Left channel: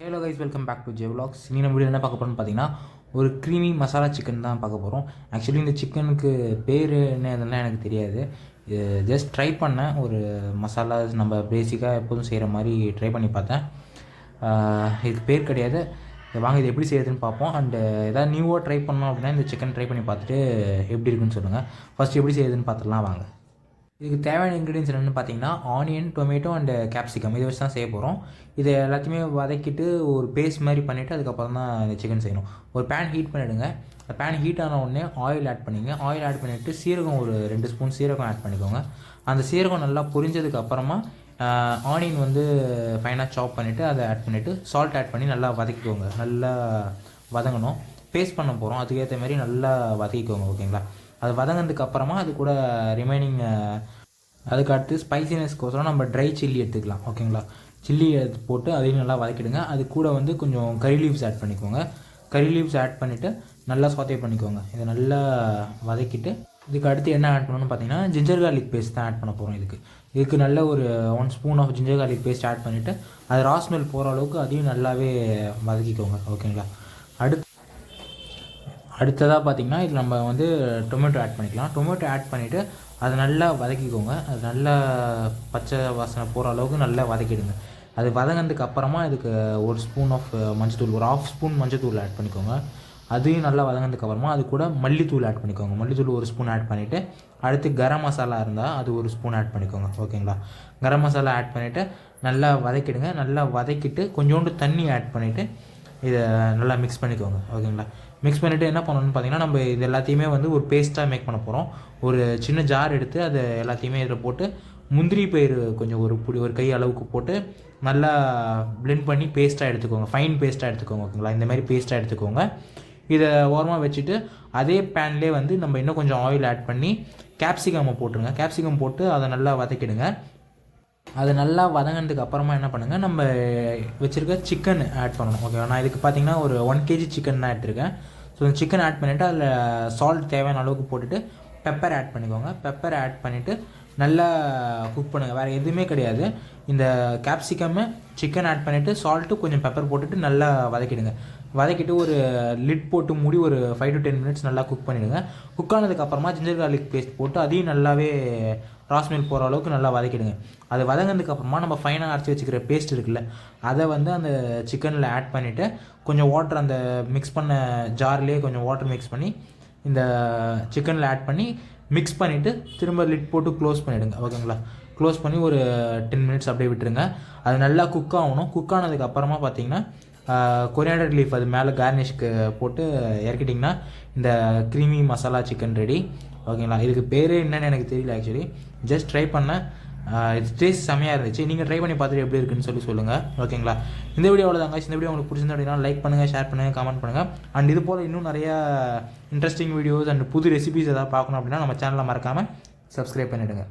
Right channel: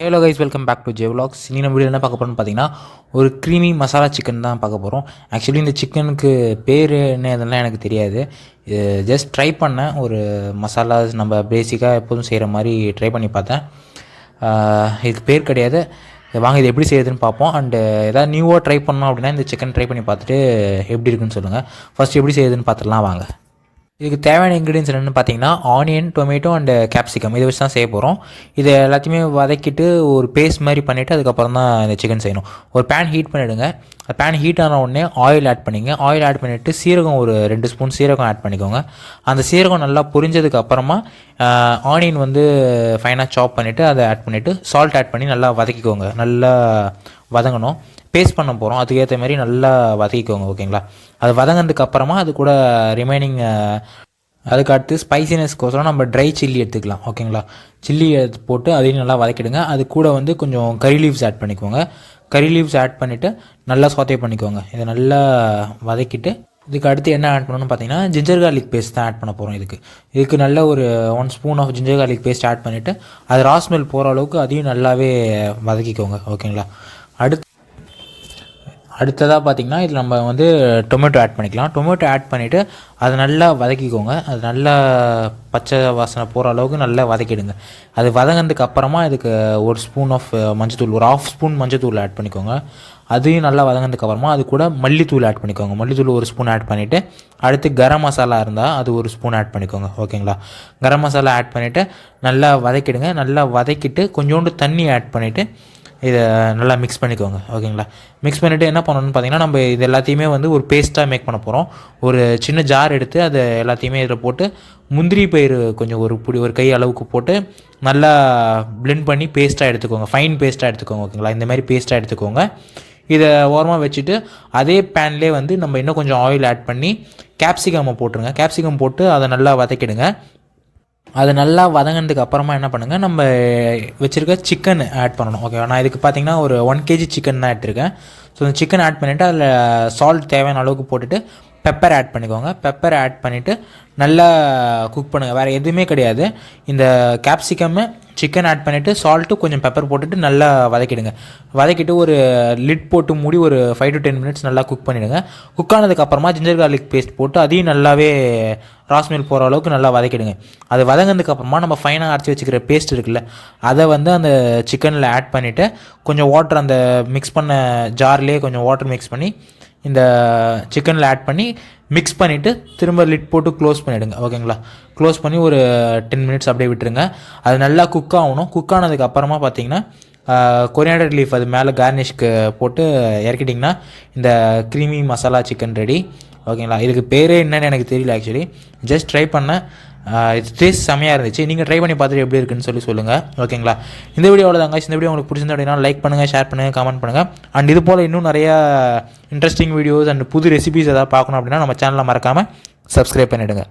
Hello guys, welcome back to J vlogs. இனி நம்ம video என்ன பார்க்க போகிறோம்னு பார்த்தீங்கன்னா, ஒரு க்ரீமி மசாலா சிக்கன் தான் பார்க்க போகிறோம். ஆக்சுவலி இந்த சிக்கனுக்கு பேர் என்ன இதெல்லாம் எனக்கு தெரியாது. ஜஸ்ட் ட்ரை பண்ணேன். ஒரு மசாலா நம்ம பேசிக்காக எப்போதும் செய்கிற மாதிரி ட்ரை பண்ணி பார்த்தேன். இதுக்கு பேர் கிடையாது. வாங்க இது எப்படி செய்யுதுன்னு பார்ப்போம். அண்டு எதாவது நியூவாக ட்ரை பண்ணோம் அப்படின்னா இந்த சிக்கன் ட்ரை பண்ணி பார்த்துட்டு எப்படி இருக்குன்னு சொல்லுங்கள். ஃபஸ்ட் எப்படி செய்யுதுன்னு பார்த்துடலாம் வாங்க. இதுக்கு தேவையான இன்க்ரீடியன்ஸ் என்னென்னு பார்த்தீங்கன்னா, ஆனியன், டொமேட்டோ அண்டு கேப்சிகம் இதை வச்சு தான் செய்ய போகிறோம். இதை எல்லாத்தையுமே வதக்கிட்டு ஒரு பேஸ்ட் மாதிரி பண்ணிவிட்டு அதுக்கப்புறம் தான் இந்த சிக்கன் செய்யணும். ஒரு பேன் ஹீட் பண்ணிவிடுங்க. பேன் ஹீட் ஆன உடனே ஆயில் ஆட் பண்ணிங்க. ஆயில் ஆட் பண்ணிவிட்டு சீரகம் ஒரு 2 ஸ்பூன் சீரகம் ஆட் பண்ணிக்கோங்க. அந்த சீரகம் நல்லா பொரிஞ்சதுக்கு அப்புறமா ஆனியன் வந்து ஃபைனாக சாப் பண்ணிவிட்டு அதை ஆட் பண்ணிவிட்டு சால்ட் ஆட் பண்ணி நல்லா வதக்கிக்கோங்க. நல்லா வதங்கணும். பேஸ்ட் பண்ண போகிறோம், அதுக்கேற்ற மாதிரி நல்லா வதக்கிக்கோங்க. ஓகேங்களா? அது வதங்கினதுக்கு அப்புறமா அது கூட ரிமைனிங் அதுக்கு அடுத்து ஸ்பைசினஸ்க்கோசரம் நம்ம ட்ரை சில்லி எடுத்துக்கலாம். ஓகேங்களா? சில்லி எடுத்து போட்டு அதையும் நல்லா வதக்கிடுங்க. அது கூட வந்து கொஞ்சம் கறி லீவ்ஸ் ஆட் பண்ணிக்கோங்க. கறி லீவ்ஸ் ஆட் பண்ணிவிட்டு நல்லா சாத்தே பண்ணிக்கோங்க. இதை நல்லா வதக்கிட்டு இதுக்கு அடுத்து என்ன ஆட் பண்ணணும்னு பார்த்தீங்கன்னா, ஜிஞ்சர் கார்லிக் பேஸ்ட் தான் ஆட் பண்ண போகிறோம். இதுக்கு நல்ல ஒரு 1 spoon of ginger garlic paste add பண்ணிவிட்டு அது ரா ஸ்மெல் போகிற அளவுக்கு அதையும் நல்லாவே வதக்கிக்கோங்க. ஓகேங்களா? அடுத்ததாக பார்த்திங்கன்னா இதில் நம்ம வந்து டொமேட்டோ ஆட் பண்ணிக்கலாம். டொமேட்டோ ஆட் பண்ணிவிட்டு அதை நல்லா வதக்கிக்கோங்க. அது நல்லா பச்சை வாசனை போகிற அளவுக்கு நல்லா வதக்கிடுங்க. அது வதங்கினதுக்கு அப்புறமா இதுக்கு 1 ஸ்பூன் ஆஃப் மஞ்சத்தூள், ஒரு 1/2 ஸ்பூன் மஞ்சத்தூள் ஆட் பண்ணிக்கோங்க. அதையும் நல்லா வதங்கினதுக்கு அப்புறமா அது கூட மல்லித்தூள் ஆட் பண்ணிக்கோங்க. மல்லித்தூள் 1 ஸ்பூன் ஆட் பண்ணிவிட்டு அடுத்து கரம் மசாலா இருந்தால் அது 1 ஸ்பூன் ஆட் பண்ணிக்கோங்க. ஓகேங்களா? கரம் மசாலா ஆட் பண்ணிவிட்டு நல்லா வதக்கிடுங்க. நல்லா வதக்கிட்டு கொஞ்சோண்டு தண்ணி ஆட் பண்ணிவிட்டு இதை நல்லா மிக்ஸ் பண்ணிக்கோங்க. ஓகேங்களா? மிக்ஸ் பண்ணிவிட்டு என்ன பண்ணணும்னு பார்த்தீங்கன்னா, நம்ம இது எல்லாத்தையுமே வந்து ஒரு பேஸ்ட்டாக மேக் பண்ண போகிறோம். ஒரு சின்ன ஜார் எடுத்து அதை எல்லாத்தையுமே இதில் போட்டு முந்திரி பயிறு கொஞ்சம் ஒரு கை அளவுக்கு போட்டு நல்லா பிளெண்ட் பண்ணி பேஸ்ட்டாக எடுத்துக்கோங்க. ஃபைன் பேஸ்ட்டாக எடுத்துக்கோங்க. ஓகேங்களா? இந்த மாதிரி பேஸ்ட்டாக எடுத்துக்கோங்க. இதை ஓரமாக வச்சுட்டு அதே பேன்லேயே வந்து நம்ம இன்னும் கொஞ்சம் ஆயில் ஆட் பண்ணி கேப்சிகம் போட்டுருங்க. கேப்சிகம் போட்டு அதை நல்லா வதக்கிடுங்க. அது நல்லா வதங்கினதுக்கு அப்புறமா என்ன பண்ணுங்கள், நம்ம வச்சுருக்க சிக்கன் ஆட் பண்ணணும். ஓகேவா? நான் இதுக்கு பார்த்தீங்கன்னா ஒரு 1 kg சிக்கன் தான் எடுத்திருக்கேன். ஸோ இந்த சிக்கன் ஆட் பண்ணிவிட்டு அதில் சால்ட் தேவையான அளவுக்கு போட்டுட்டு பெப்பர் ஆட் பண்ணிக்கோங்க. பெப்பர் ஆட் பண்ணிவிட்டு நல்லா குக் பண்ணுங்கள். வேறு எதுவுமே கிடையாது. இந்த கேப்சிகம்மு, சிக்கன் ஆட் பண்ணிவிட்டு சால்ட்டு கொஞ்சம் பெப்பர் போட்டுட்டு நல்லா வதக்கிடுங்க. வதக்கிட்டு ஒரு லிட் போட்டு மூடி ஒரு 5 to 10 மினிட்ஸ் நல்லா குக் பண்ணிவிடுங்க. குக் ஆனதுக்கப்புறமா ஜிஞ்சர் கார்லிக் பேஸ்ட் போட்டு அதையும் நல்லாவே ராஸ்மெல் போகிற அளவுக்கு நல்லா வதக்கிடுங்க. அது வதங்கினதுக்கப்புறமா நம்ம ஃபைனாக அரைச்சி வச்சுக்கிற பேஸ்ட் இருக்குல்ல, அதை வந்து அந்த சிக்கனில் ஆட் பண்ணிவிட்டு கொஞ்சம் வாட்டர் அந்த மிக்ஸ் பண்ண ஜார்லேயே கொஞ்சம் வாட்டர் மிக்ஸ் பண்ணி இந்த சிக்கனில் ஆட் பண்ணி மிக்ஸ் பண்ணிவிட்டு திரும்ப லிட் போட்டு க்ளோஸ் பண்ணிவிடுங்க. ஓகேங்களா? க்ளோஸ் பண்ணி ஒரு 10 மினிட்ஸ் அப்படியே விட்டுருங்க. அது நல்லா குக் ஆகணும். குக் ஆனதுக்கு அப்புறமா பார்த்தீங்கன்னா கொரியாண்டர் லீஃப் அது மேலே கார்னிஷ்க்கு போட்டு இறக்கிட்டிங்கன்னா இந்த க்ரீமி மசாலா சிக்கன் ரெடி. ஓகேங்களா? இதுக்கு பேரே என்னன்னு எனக்கு தெரியல. ஆக்சுவலி ஜஸ்ட் ட்ரை பண்ணேன். இது டேஸ்ட் செம்மையாக இருந்துச்சு. நீங்கள் ட்ரை பண்ணி பார்த்துட்டு எப்படி இருக்குன்னு சொல்லுங்கள். ஓகேங்களா? இந்த வீடியோவில் தாங்க. இந்த வீடியோ உங்களுக்கு பிடிச்சிருந்தா அப்படின்னா லைக் பண்ணுங்கள், ஷேர் பண்ணுங்கள், கமெண்ட் பண்ணுங்கள். அண்ட் இது போல் இன்னும் நிறையா இன்ட்ரெஸ்டிங் வீடியோஸ் அண்ட் புது ரெசிபிஸ் எதாவது பார்க்கணும் அப்படின்னா நம்ம சேனலை மறக்காமல் சப்ஸ்கிரைப் பண்ணிவிடுங்க.